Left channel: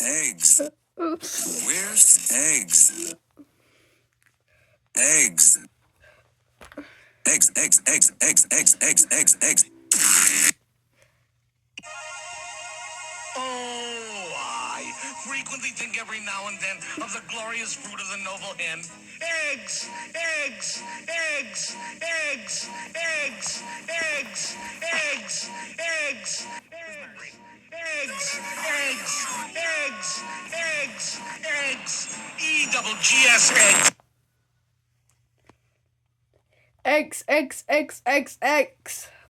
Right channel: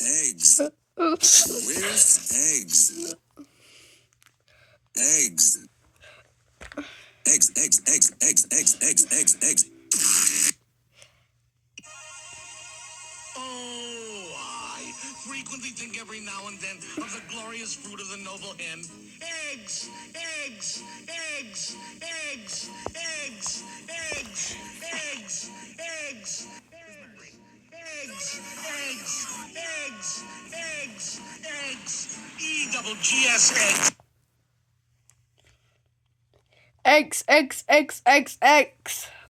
Eggs. Where's eggs? Eggs. Eggs, eggs, eggs, eggs, eggs, eggs, eggs, eggs. Oh, I frequently think every now and then of the glorious fruit of the noble hen. Eggs, eggs, eggs, eggs, eggs, eggs, eggs, eggs, eggs, eggs, eggs, eggs, eggs, E-double-G-S eggs. Eggs, eggs, eggs, eggs, eggs.